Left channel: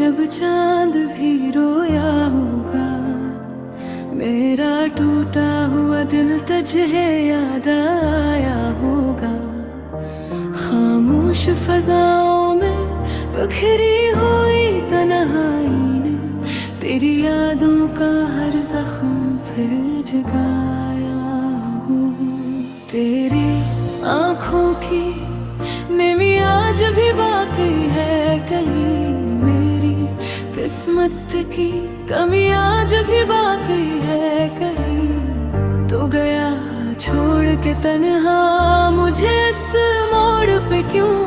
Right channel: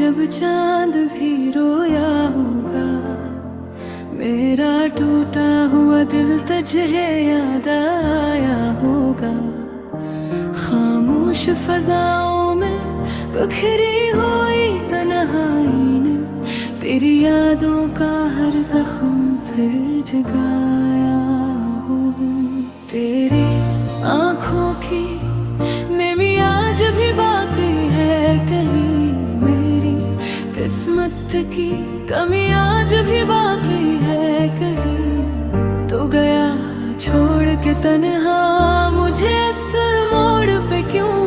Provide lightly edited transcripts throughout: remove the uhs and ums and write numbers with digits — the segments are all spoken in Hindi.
जब चांद भी रोया होगा, मेरा टूटा हुआ दिल तुझे याद आया होगा। खामोश फजाओं में बखरी हुई तन्हाई ने तेरी यादों का हर जख्म फिर जगाया होगा। तेरी आँखों की नमी आज भी बाकी है कहीं, मेरी किस्मत की कमी आज भी बाकी है कहीं। तो गया छोड़ के तन्हा मुझे इस मोड़ पे क्यों,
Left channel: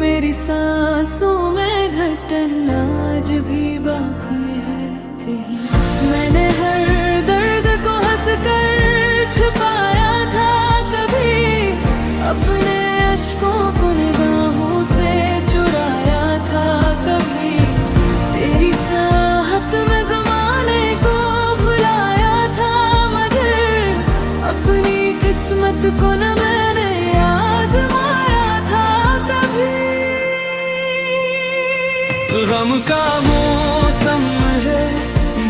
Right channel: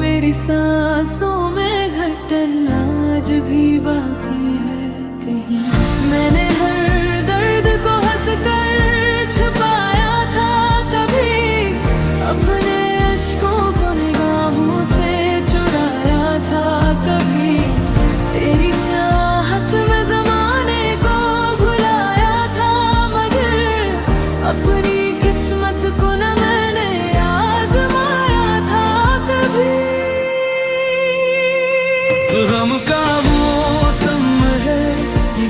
मेरी सांसों में घटन आज भी बाकी है कहीं। मैंने हर दर्द को हंस कर छुपाया था कभी, अपने अश्कों को निगाहों से चुराया था कभी। तेरी चाहत में ज़माने को भुलाया था, मगर अपनी किस्मत को न मैंने आज़माया था कभी। गम का मौसम है,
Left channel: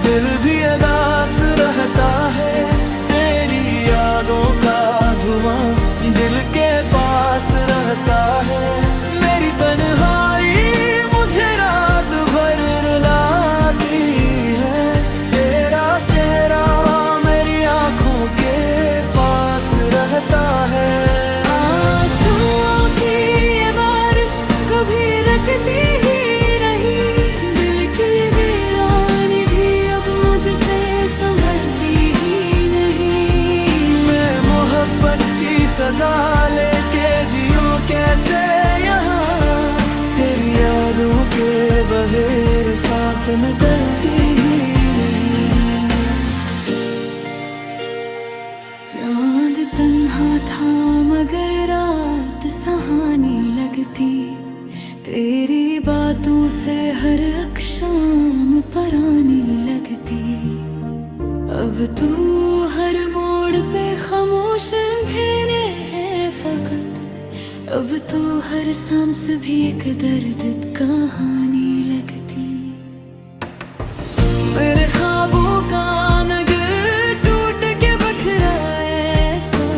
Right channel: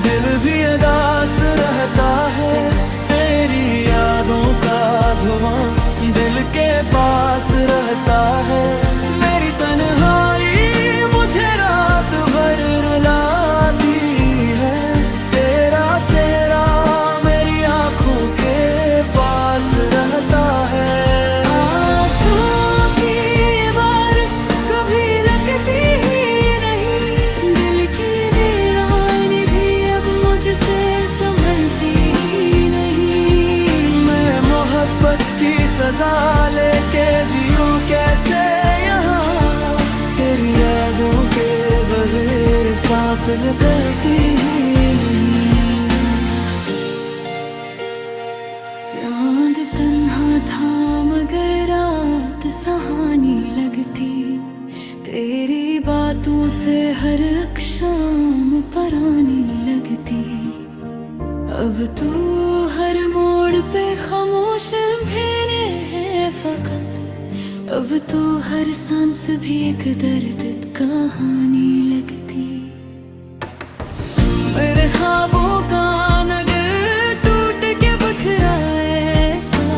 दिल भी उदास रहता है। तेरी यादों का धुआं दिल के पास रहता है। मेरी तन्हाई मुझे रात भर रुलाती है, तेरा चेहरा मेरी आँखों के पास रहता है। आंसुओं की ये बारिश कभी रुकती ही नहीं, दिल की वीरानी भी अब मुझसे संभलती ही नहीं। मैं मोहब्बत की सजा लेके जियूं कैसे यहाँ, तेरी यादों के बगैर सांस निकलती ही नहीं। चांद तन्हा था मगर रात सुहानी लगती, तेरी बातों से हर शाम परानी लगती। अब तू हर मोड़ पे खामोश भेने है फकत, अब तो हर सांस भी एक दर्द कहानी लगती। मेरे ख्वाबों का नगर टूट के बिखरा ऐसा,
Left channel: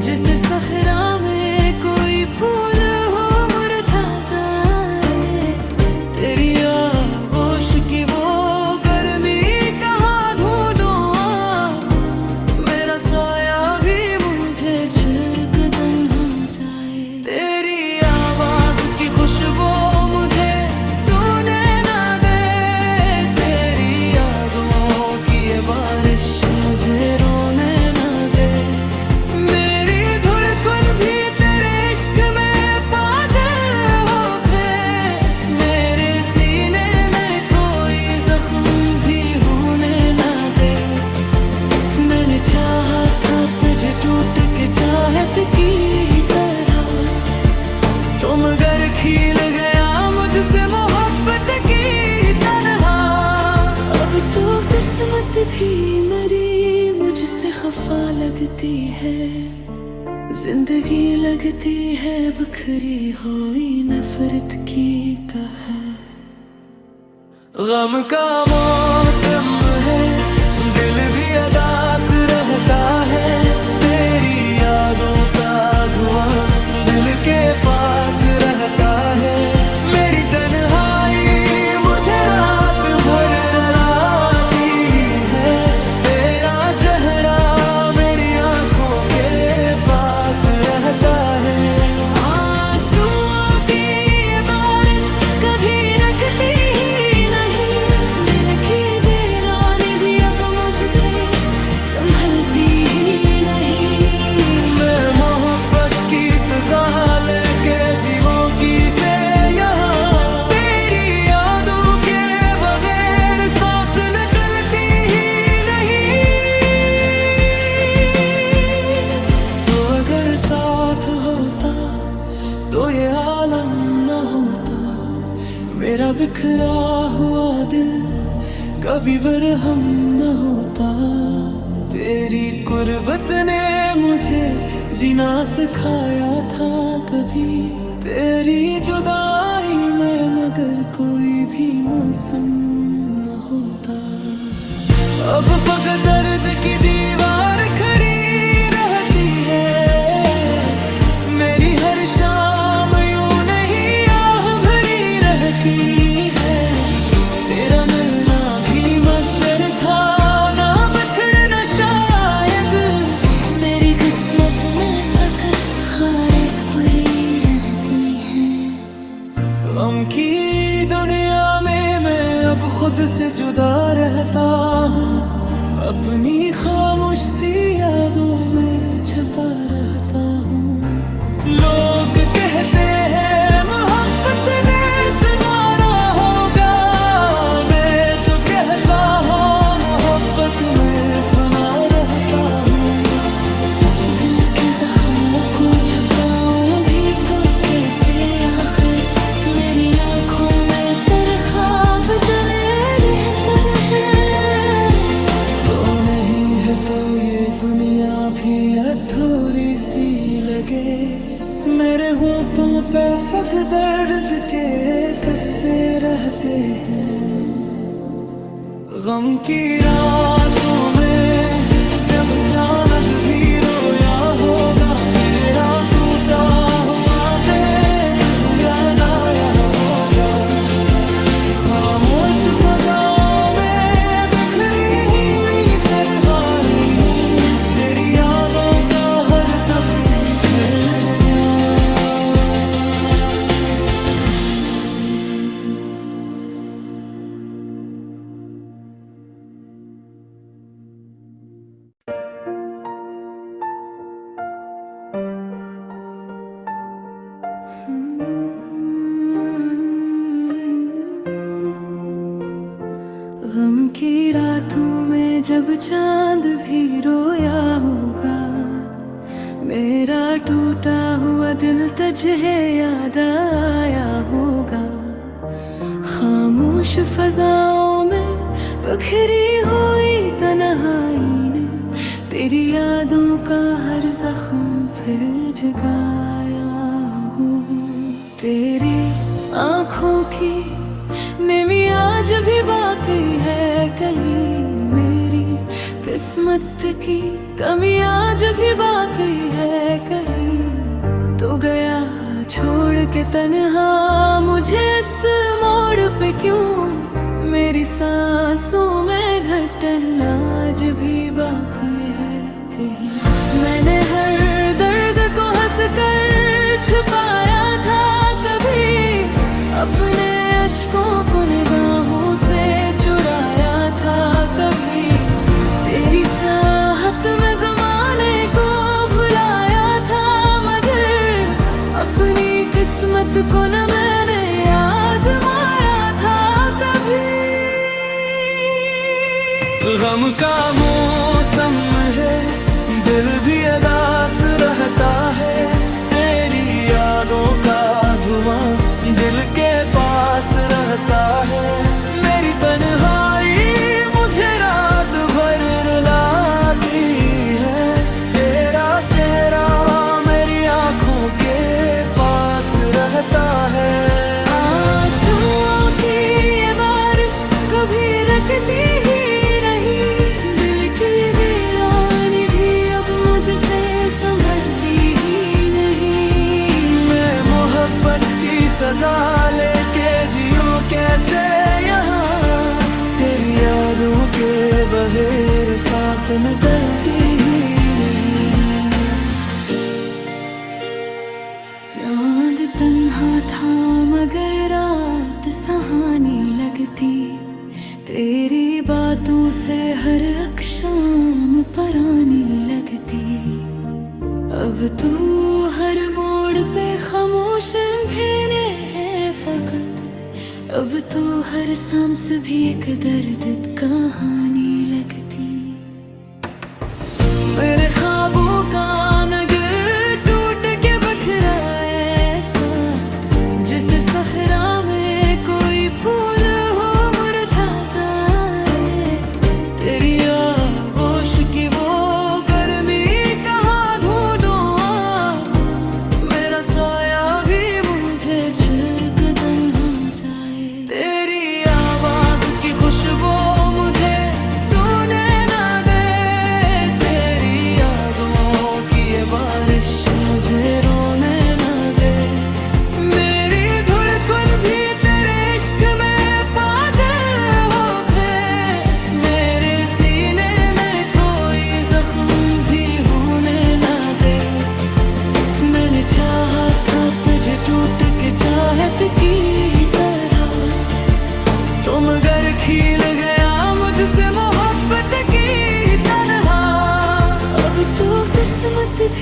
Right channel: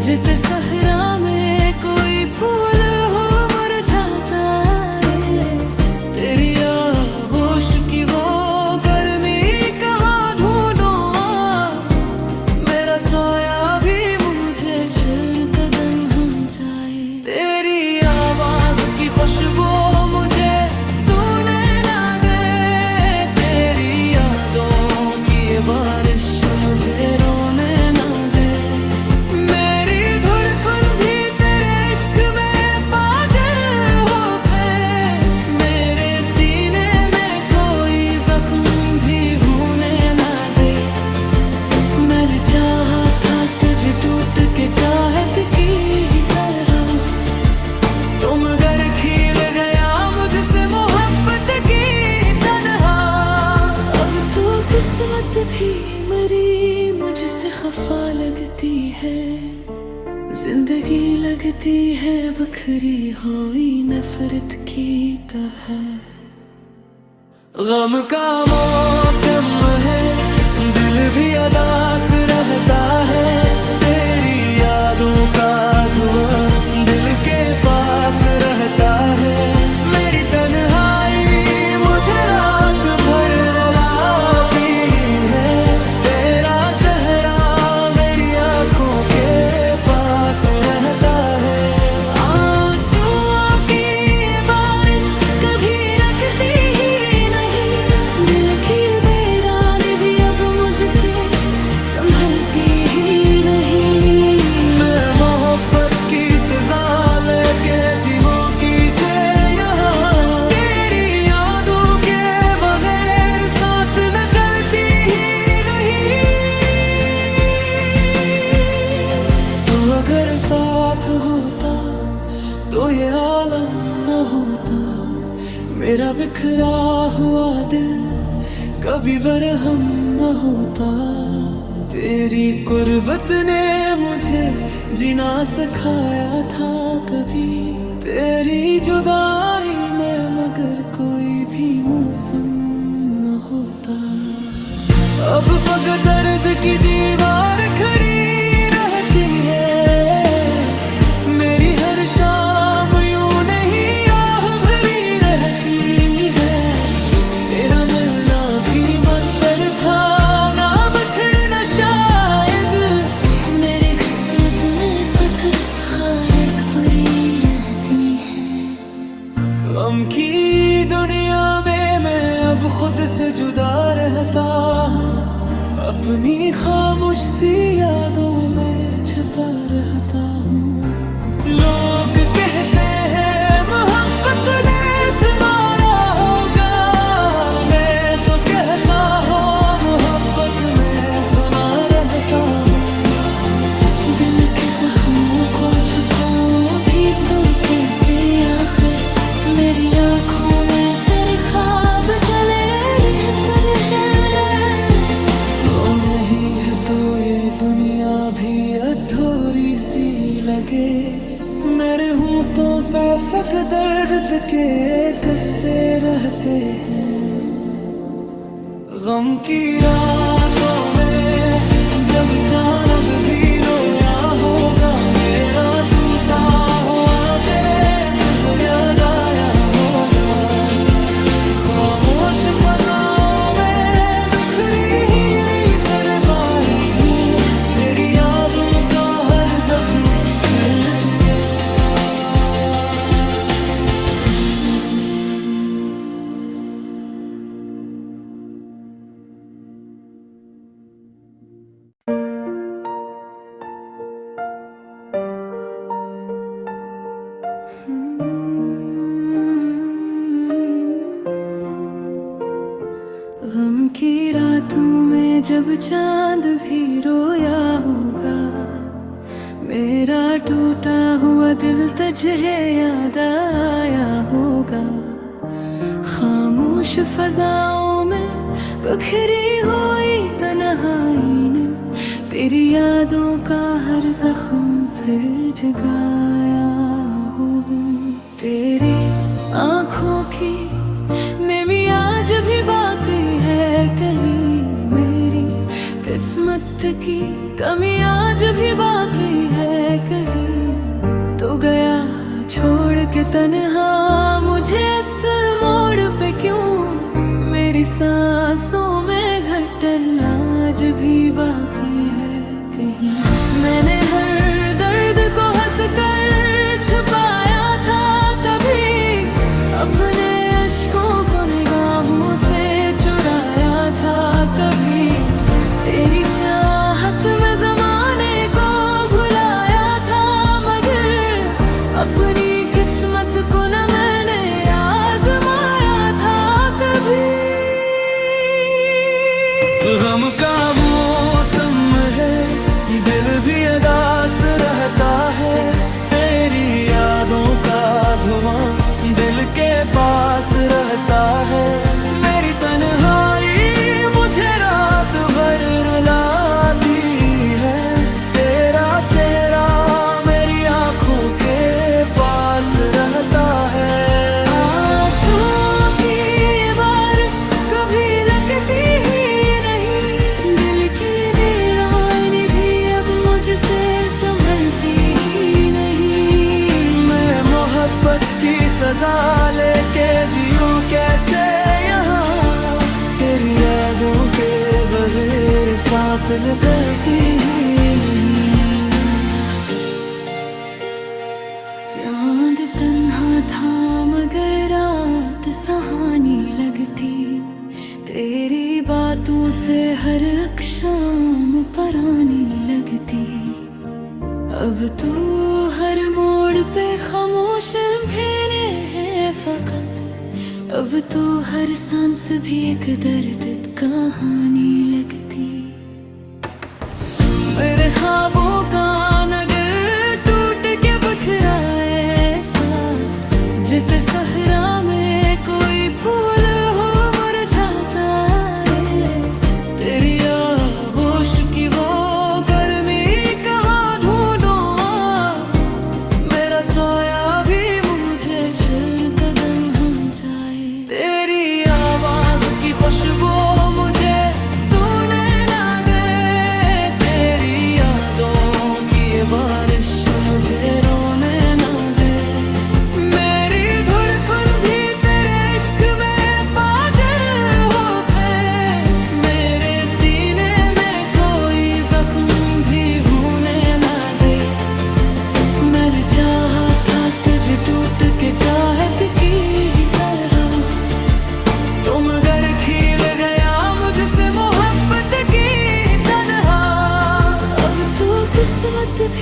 जिसे सहरा में कोई फूल हो मुरझा जाए। तेरी आगोश की वो गर्मी कहाँ ढूंढूं, मेरा साया भी मुझे चल कदम हम जाए। तेरी आवाज की खुशबू मुझे सुने ना दे, तेरी यादों की ये बारिश मुझे रोने ना दे। मेरी धड़कन भी तेरे इश्क में पागल हो गए, मेरे सीने में कोई जख्म भी होने ना दे। मैंने चाहा था तुझे टूट के चाहत की तरह, तुम घर खिल गया मुझसे मोहब्बत की तन्हा। अब तो किस्मत भी मरी मुझसे खफा लगती है, जिंदगी लगती है बखरी हुई नफरत की कहर। गम का मौसम है, दिल भी उदास रहता है। तेरी यादों का धुआं दिल के पास रहता है। मेरी तन्हाई मुझे रात भर रुलाती है, तेरा चेहरा मेरी आँखों के पास रहता है। आंसुओं की ये बारिश कभी रुकती ही नहीं, दिल की वीरानी भी अब मुझसे संभलती ही नहीं। मैं मोहब्बत की सजा लेके जीवों की से यहाँ, तेरी यादों के बगैर सांस निकलती ही नहीं। तो अगर साथ होता तो ये आलम न होता, मेरा बिखरा हुआ दिल कभी बरहम न होता। तेरी कुर्बत ने मुझे जीना सिखाया था कभी, तेरी जुदाई में मगर कोई भी मौसम न होता। अब फकत दर्द की दीवार खड़ी रहती है, मेरी हर शाम यूं नहीं आह भरी रहती है। तेरा मिलना भी मकदर था, ना बछड़ना शायद। मेरी किस्मत में फकत हर एक परी रहती है। गम की दुनिया में मैं अब खुद से जुदा रहता हूँ, अपनी खामोश सी यादों में छुपा रहता हूँ। लोग कहते हैं मोहब्बत ने सुनारा होगा, मैं तो कहता हूँ मोहब्बत में फना रहता हूँ। दिल के जख्मों को छुपाऊं भी तो कैसे आखिर, मेरी आँखों में तेरे ख्वाब जले रहते हैं। तो नहीं है तो ये दुनिया भी अधूरी सी लगे, मेरे होंठों पे फक दर्द के किस्से रहते हैं। गम की रातों में जब चांद भी रोया होगा, मेरा टूटा हुआ बेद याद आया होगा। खामोश फज़ाओं में बिखरी हुई परवाही, तेरी यादों का हर ज़ख्म हर जगह। गम की रातों में जब चांद भी रोया होगा, मेरा टूटा हुआ दिल तुझे याद आया होगा। खामोश फजाओं में बिखरी हुई तन्हाई ने तेरी यादों का हर जख्म फिर जगाया हुई। तेरी आँखों की नेमी आज भी बाकी है कहीं, मेरी किस्मत की कमी आज भी बाकी है कहीं। तो गया छोड़ के तन्हा मुझे इस मोड़ पे क्यों, मेरी सांसों में घटन आज भी बाकी है कहीं। मैंने हर दर्द को हंस कर छुपाया था कभी, अपने अश्कों को निगाहों से चुराया था कभी। तेरी चाहत में ज़माने को भुलाया था, मगर अपनी किस्मत को न मैंने आज़माया था कभी। गम का मौसम है, दिल भी उदास रहता है। तेरी यादों का धुआं दिल के पास रहता है। मेरी तन्हाई मुझे रात भर रुलाती है, तेरा चेहरा मेरी आँखों के पास रहता है। आंसुओं की ये बारिश कभी रुकती ही नहीं, दिल की वीरानी भी अब मुझसे संभलती ही नहीं। मैं मोहब्बत की सजा लेके जियूं कैसे यहाँ, तेरी यादों के बगैर सांस निकलती ही नहीं। चांद तन्हा था मगर रात सुहानी लगती, तेरी बातों से हर एक शाम परानी लगती। अब तू हर मोड़ पे खामोश भेने है फकत, अब तो हर सांस भी एक दर्द कहानी लगती। मेरे ख्वाबों का नगर टूट के बिखरा ऐसा, जिसे सहरा में कोई फूल हो मुरझा जाए। तेरी आगोश की वो गर्मी कहाँ ढूंढूं, मेरा साया भी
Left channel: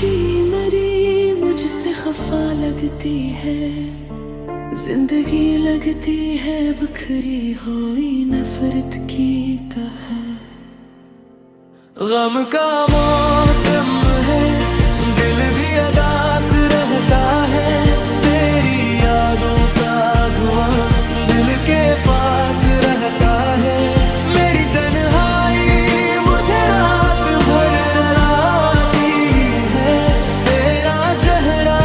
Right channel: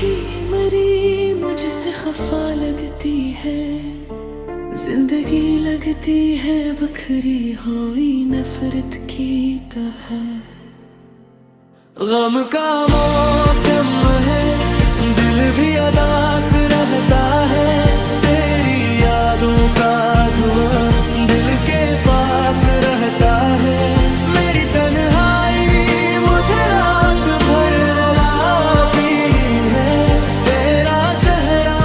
भी मरी मुझसे खफा लगती है, जिंदगी लगती है बखरी हुई नफरत की कहर। गम का मौसम है, दिल भी उदास रहता है, तेरी यादों का धुआं दिल के पास रहता है। मेरी तन्हाई मुझे रात भर रुलाती है, तेरा चेहरा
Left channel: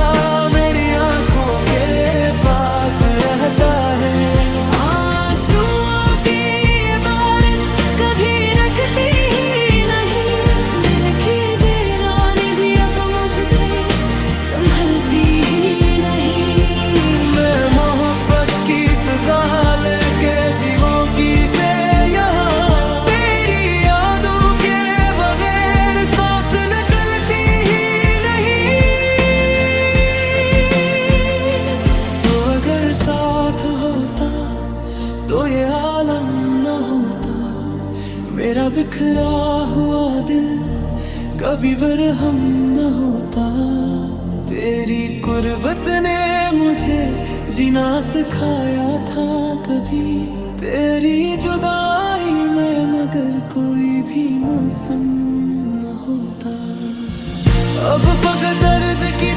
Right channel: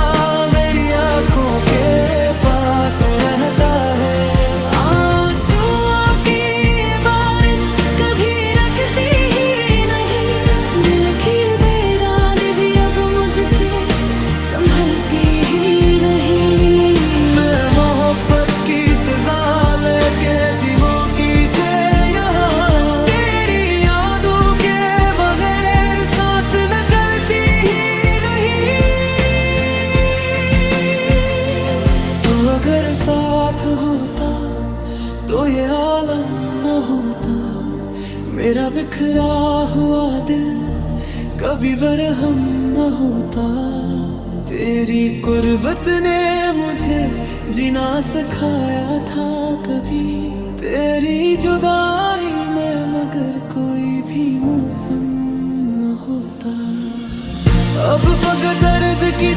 मेरी आंखों के पास रहता है। आंसुओं की ये बारिश कभी रखती ही नहीं, दिल की वीरानी भी अब मुझसे संभलती ही नहीं। मैं मोहब्बत की सजा लेके जीवों की से यहाँ, तेरी यादों के बगैर सांस निकलती ही नहीं। तो अगर साथ होता तो ये आलम न होता, मेरा बिखरा हुआ दिल कभी बरहम न होता। तेरी कुर्बत ने मुझे जीना सिखाया था कभी, तेरी जुदाई में मगर कोई भी मौसम न होता। अब फकत दर्द की